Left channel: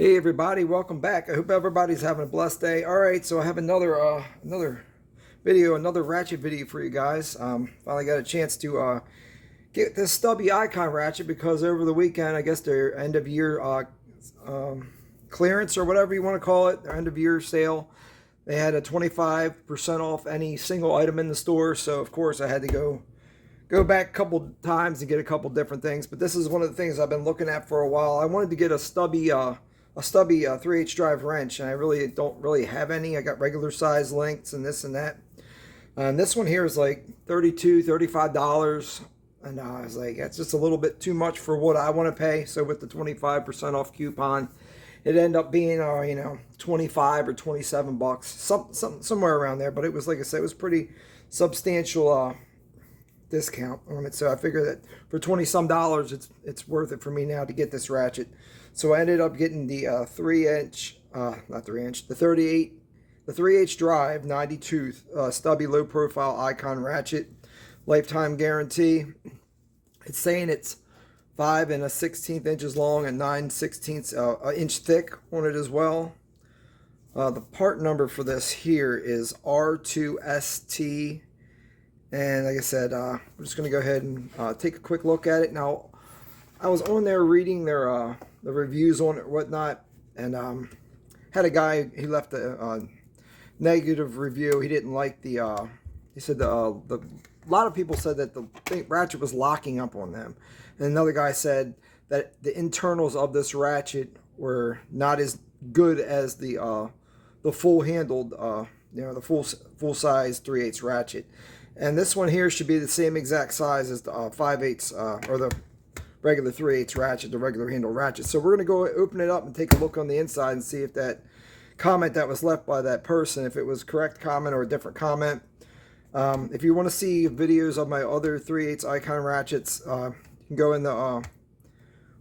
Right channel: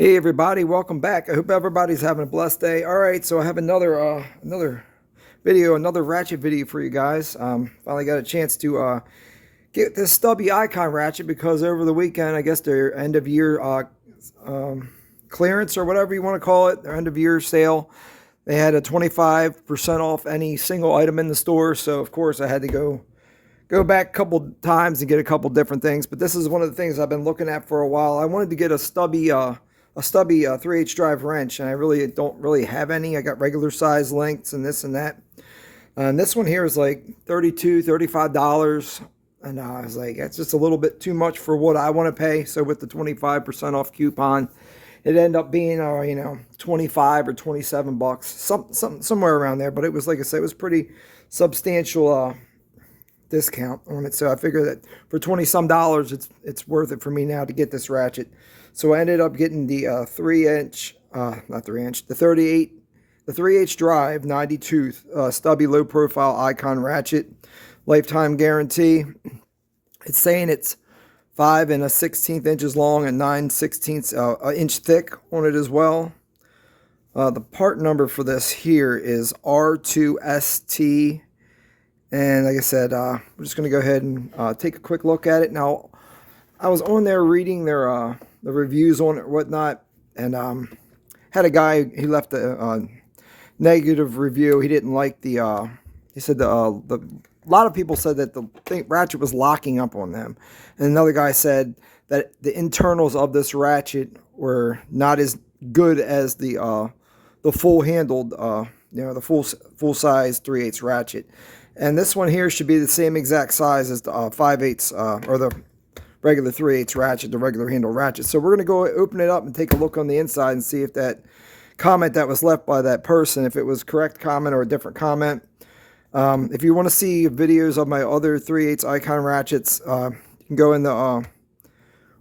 Hey everybody, welcome back. I hope everybody's having a blessed day. All right, so I have another video, another Ratchet video for you guys. Finally got a chance to get this Stubby icon Ratchet because over the weekend, I guess their end of year clearance or whatever you want to call it, their end of year sale. They had a 25% off any single item in the store, so of course I had to go back a couple times and get a couple different things. But this is one of the things I've been looking at for a while. I wanted to get a Stubby 3/8 drive wrench, and I really don't really have any. I got regular size lengths and this and that. And this one here is like $32, $35. And I was like, that's just a little bit too much for what I want to pay. So with the 25% off coupon, it ended up being, 25 or 27 bucks, somewhere around there. But it was, like I said, it was pretty substantial discount on it. So I figure that for 20 some dollars, it's worth it for me now to get this Ratchet. So I ended up getting the 3/8 drive 90 tooth Stubby low profile icon Ratchet, lifetime guarantee. It's saying it's 5 1/16 inches long and 9/16 inch thick on it as well. The part number for this here is R2ST. And like I said, we're just going to go ahead and take a quick look at it. Now, I was on there reading their the reviews on it and whatnot, and had a guy, he left a negative review. He didn't like the, he said a lot of people said that the Ratchet was locking up on them. And another guy said that the internals of this Ratchet were not as good as the full handled, the full size 3/8 Ratchet. And this one here should be the same exact size as the 5/8 or the regular 3/8 Ratchet, the regular handle Ratchet. So we're going to go open it up and take a look on the inside and see if that comment that was left by that person, if it was correct comment or a different comment. If you want to see videos of my other 3/8 icon Ratchets, you can go in the on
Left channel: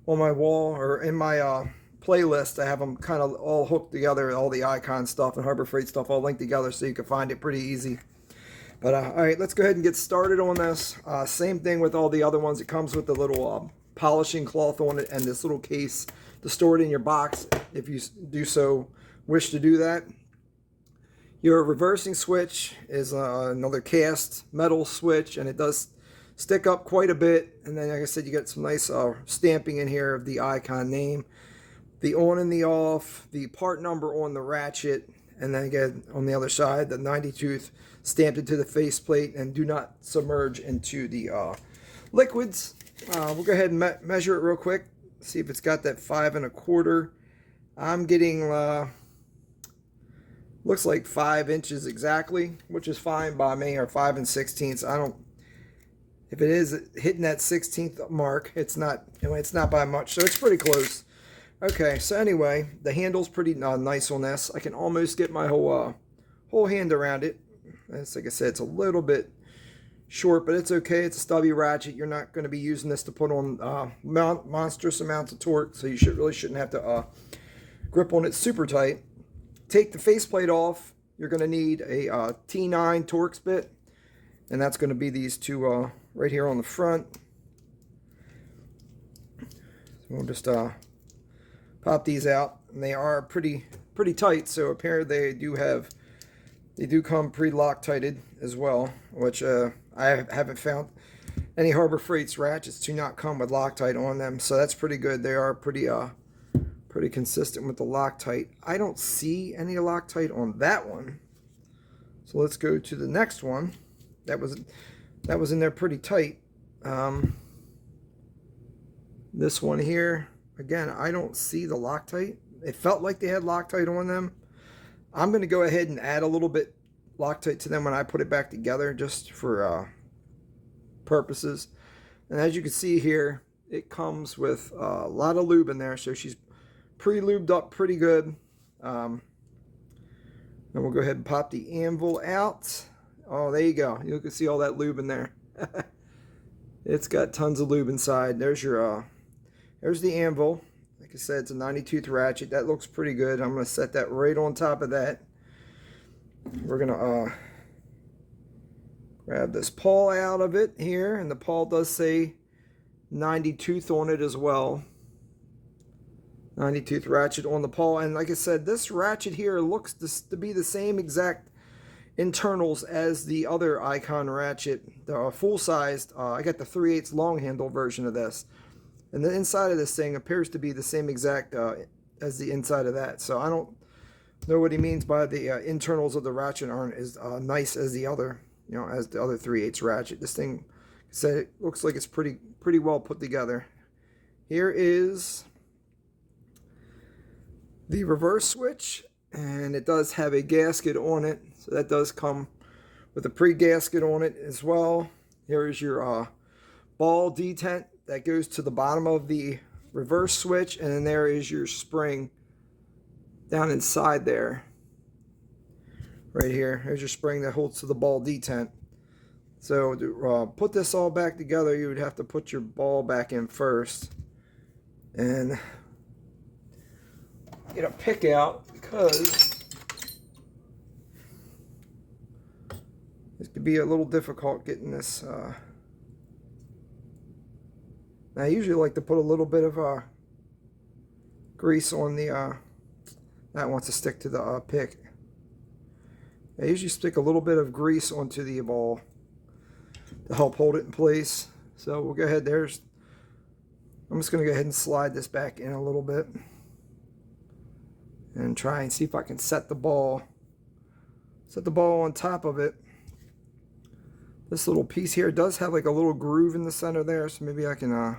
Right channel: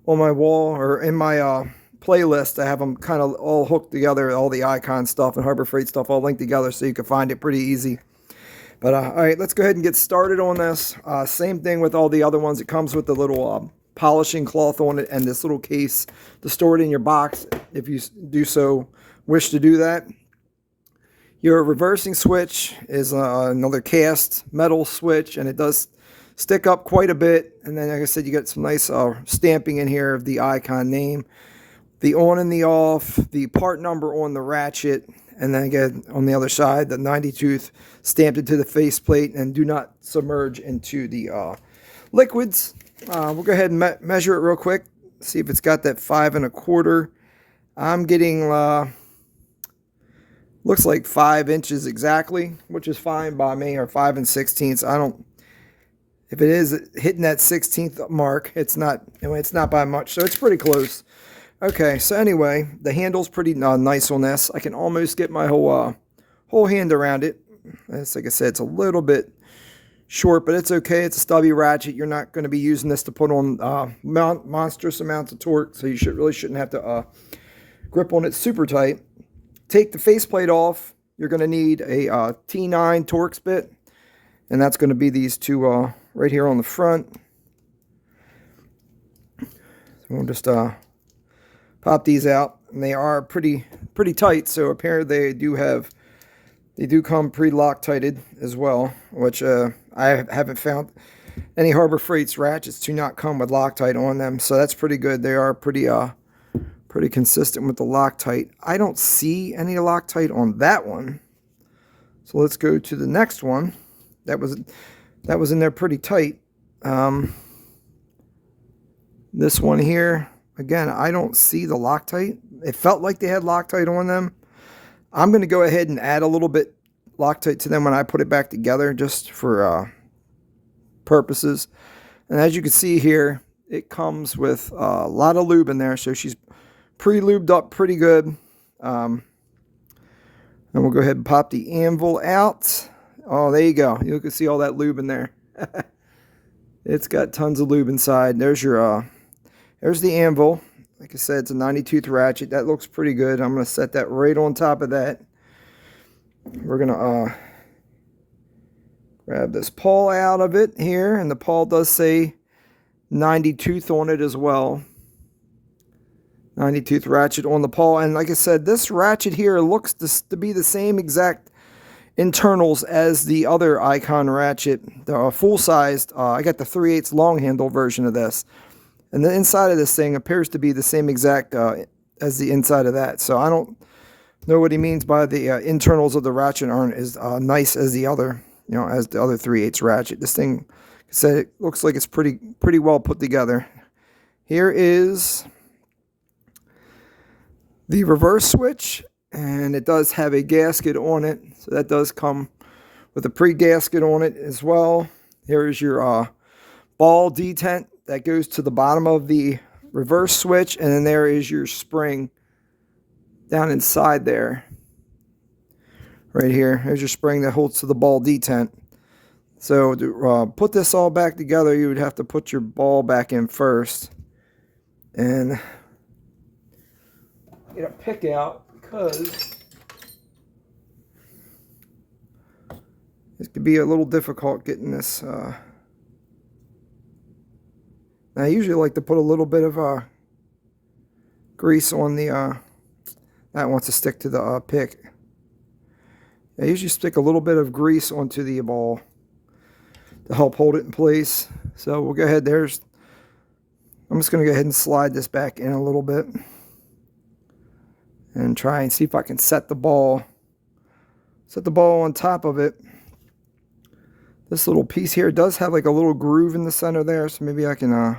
my wall or in my playlist. I have them kind of all hooked together, all the icon stuff and Harbor Freight stuff all linked together so you can find it pretty easy. But all right, let's go ahead and get started on this. Same thing with all the other ones. It comes with the little polishing cloth on it and this little case to store it in your box if you wish to do that. Your reversing switch is another cast metal switch, and it does stick up quite a bit. And then, like I said, you got some nice stamping in here of the icon name, the on and the off, the part number on the Ratchet, and then again on the other side, the 90 tooth stamped into the faceplate, and do not submerge into the liquids. We'll go ahead and measure it real quick, see if it's got that 5 1/4. I'm getting looks like 5 inches exactly, which is fine by me, or 5 1/16. I don't, if it is hitting that 16th mark, it's not, it's not by much, so it's pretty close. Okay, so anyway, the handle's pretty nice on this. I can almost get my whole hand around it. It's, like I said, it's a little bit short, but it's okay. It's a Stubby Ratchet. You're not going to be using this to put on monstrous amounts of torque, so you really shouldn't have to grip on it super tight. Take the faceplate off. You're going to need a T9 Torx bit, and that's going to be these two right here on the front. So we'll just pop these out, and they are pretty tight. So apparently they do come pre-Loctited as well, which I haven't found any Harbor Freight's Ratchets to not come with Loctite on them, so that's pretty good. They are pretty consistent with the Loctite. I don't see any Loctite on that one, so let's go to the next one. That was in there pretty tight. This one here, again, I don't see the Loctite. It felt like they had Loctite on them. I'm going to go ahead and add a little bit Loctite to them when I put it back together, just for purposes. And as you can see here, it comes with a lot of lube in there, so she's pre-lubed up pretty good. And we'll go ahead and pop the anvil out. Oh, there you go. You can see all that lube in there. It's got tons of lube inside. There's your there's the anvil. Like I said, it's a 90 tooth Ratchet. That looks pretty good. I'm going to set that right on top of that. We're going to grab this pawl out of it here. And the pawl does say 90 tooth on it as well. 90-tooth ratchet on the pawl. And like I said, this ratchet here looks to be the same exact internals as the other Icon ratchet, the full-sized. I got the 3/8 long handle version of this. And the inside of this thing appears to be the same exact as the inside of that. So I don't know what he means by the internals of the ratchet aren't as nice as the other, as the other 3/8 ratchet. This thing, like I said, it looks like it's pretty well put together. Here is the reverse switch, and it does have a gasket on it. So that does come with a pre-gasket on it as well. Here is your ball detent that goes to the bottom of the reverse switch, and then there is your spring down inside there. Right here, there's your spring that holds to the ball detent. So to put this all back together, you would have to put your ball back in first and get a pick out, because this could be a little difficult getting this. Now, I usually like to put a little bit of grease on the that wants to stick to the pick. I usually stick a little bit of grease onto the ball to help hold it in place. So we'll go ahead. I'm just going to go ahead and slide this back in a little bit and try and see if I can set the ball on top of it. This little piece here does have like a little groove in the center there, so maybe I can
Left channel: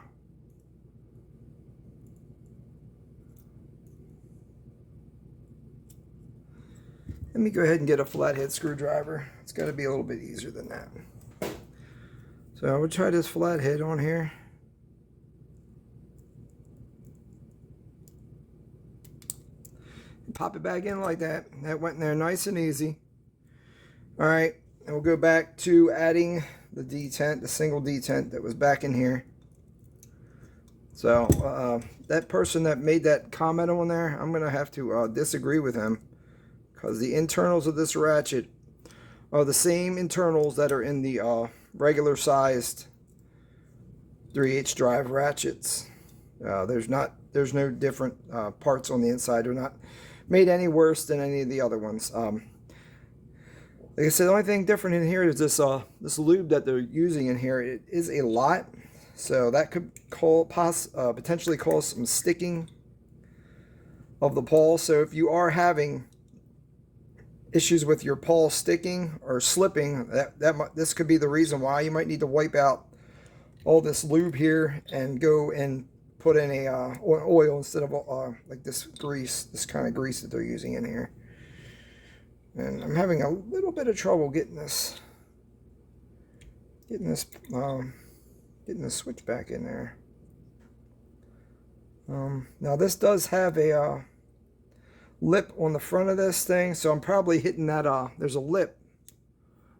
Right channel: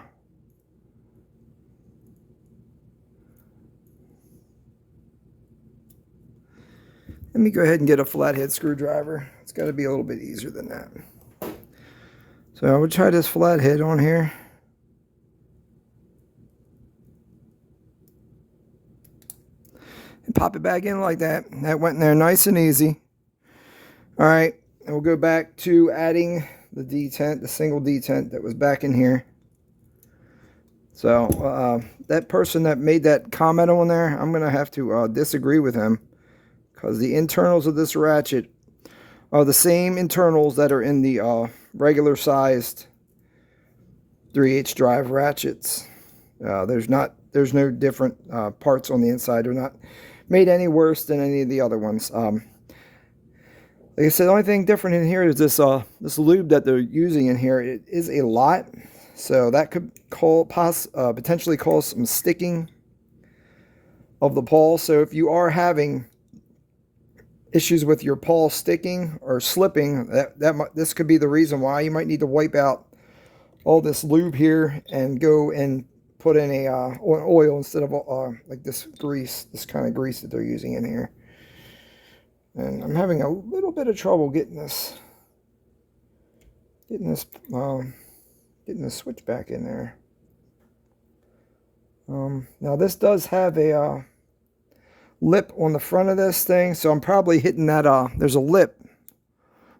let me go ahead and get a flathead screwdriver. It's got to be a little bit easier than that. So I would try this flathead on here. And pop it back in like that. That went in there nice and easy. Alright, and we'll go back to adding the detent, the single detent that was back in here. So that person that made that comment on there, I'm going to have to disagree with him. Because the internals of this ratchet are the same internals that are in the regular sized 3/8 drive ratchets. There's no different parts on the inside. They're not made any worse than any of the other ones. Like I said, the only thing different in here is this lube that they're using in here. It is a lot, so that could potentially cause some sticking of the pawl. So if you are having issues with your pawl sticking or slipping, this could be the reason why. You might need to wipe out all this lube here and go and put in a oil instead of like this grease, this kind of grease that they're using in here. And I'm having a little bit of trouble getting this switch back in there. Now this does have a lip on the front of this thing, so I'm probably hitting that there's a lip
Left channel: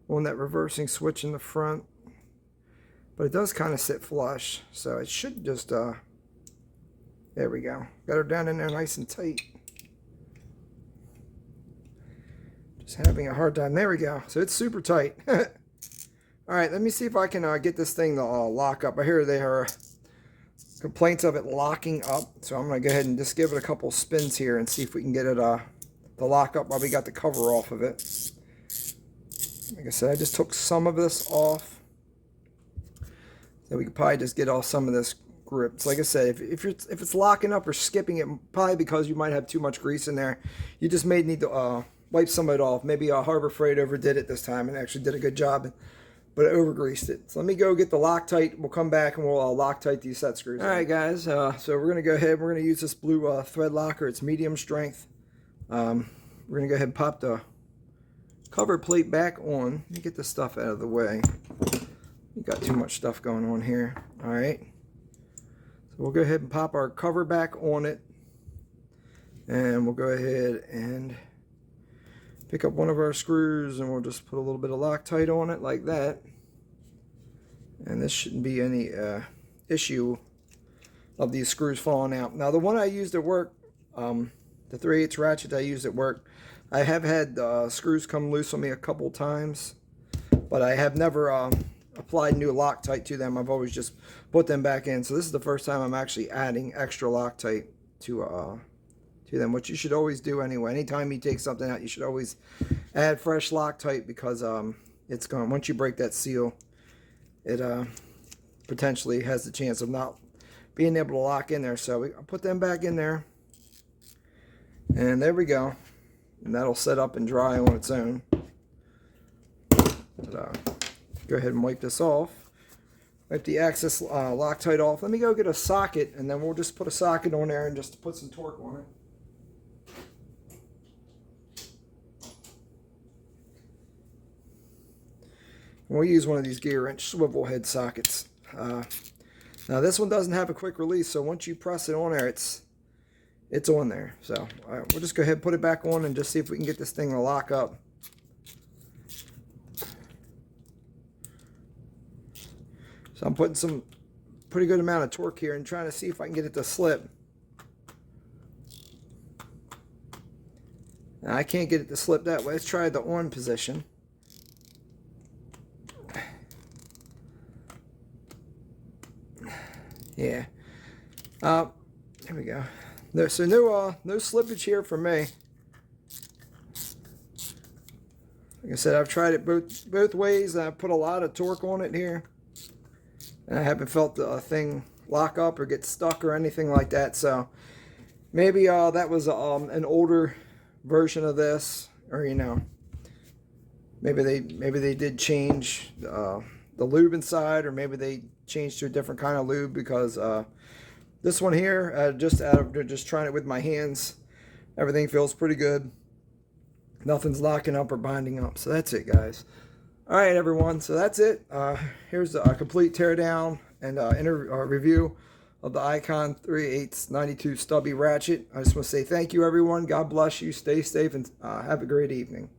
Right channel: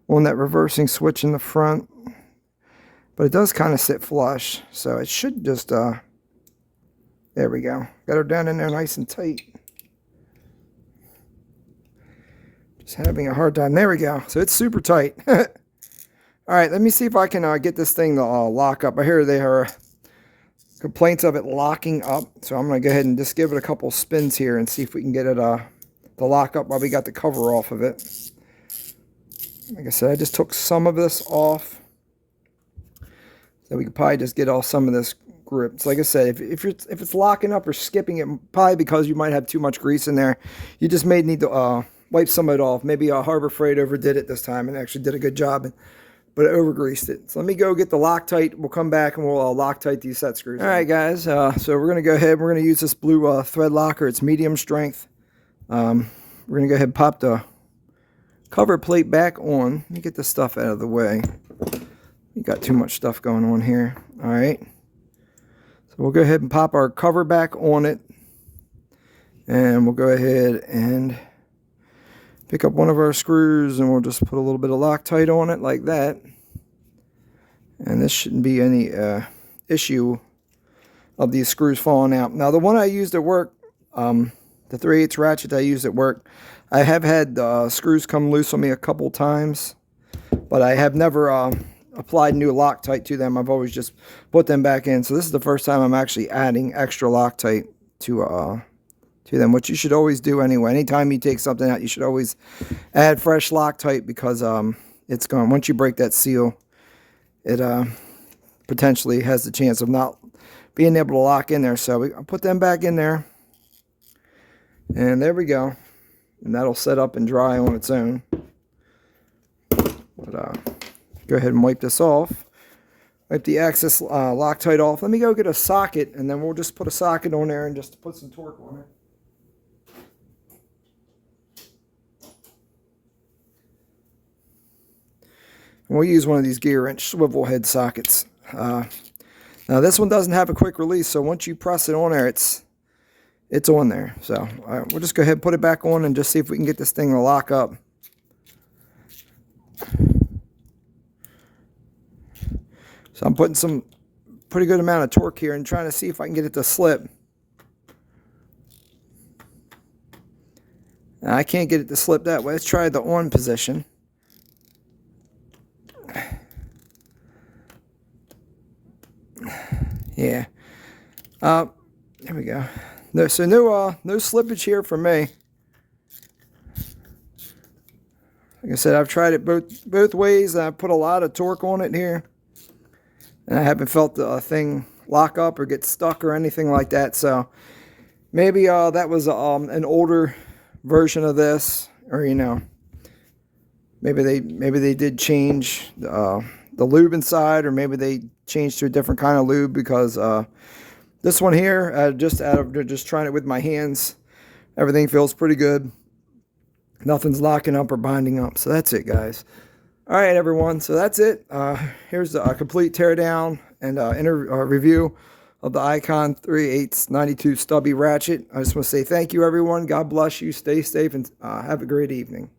on that reversing switch in the front, but it does kind of sit flush, so it should just there we go, got her down in there nice and tight. Just having a hard time. There we go, so it's super tight. All right, let me see if I can get this thing to lock up. I hear there are complaints of it locking up, so I'm going to go ahead and just give it a couple spins here and see if we can get it to lock up while we got the cover off of it. Like I said, I just took some of this off, so we could probably just get off some of this grip. So like I said, if it's locking up or skipping it, probably because you might have too much grease in there, you just may need to wipe some of it off. Maybe Harbor Freight overdid it this time and actually did a good job, but it over-greased it. So let me go get the Loctite. We'll come back and we'll Loctite these set screws. All right, guys. So we're going to go ahead. We're going to use this blue thread locker. It's medium strength. We're going to go ahead and pop the cover plate back on. Let me get this stuff out of the way. We got too much stuff going on here. All right. So we'll go ahead and pop our cover back on it. And we'll go ahead and pick up one of our screws, and we'll just put a little bit of Loctite on it like that. And this shouldn't be any issue of these screws falling out. Now the one I used at work, the 3/8 ratchet I used at work, I have had screws come loose on me a couple times, but I have never applied new Loctite to them. I've always just put them back in. So this is the first time I'm actually adding extra Loctite to them, which you should always do anyway. Anytime you take something out, you should always add fresh Loctite, because it's going, once you break that seal, it potentially has the chance of not being able to lock in there. So I'll put them back in there, and there we go, and that'll set up and dry on its own. But, go ahead and wipe this off. Wipe the excess Loctite off. Let me go get a socket, and then we'll just put a socket on there and just put some torque on it. And we'll use one of these gear wrench swivel head sockets. Now this one doesn't have a quick release, so once you press it on there, it's on there. So we'll just go ahead and put it back on and just see if we can get this thing to lock up. So I'm putting some pretty good amount of torque here and trying to see if I can get it to slip. Now, I can't get it to slip that way. Let's try the on position. Yeah. There we go. No slippage here for me. Like I said, I've tried it both ways. I put a lot of torque on it here, and I haven't felt the thing lock up or get stuck or anything like that. So maybe that was an older version of this, or maybe they did change the lube inside, or maybe they changed to a different kind of lube, because this one here, just trying it with my hands, everything feels pretty good. Nothing's locking up or binding up. So that's it, guys. All right, everyone. So that's it. Here's a complete teardown and review of the Icon 3/8 92 Stubby Ratchet. I just want to say thank you, everyone. God bless you. Stay safe, and have a great evening.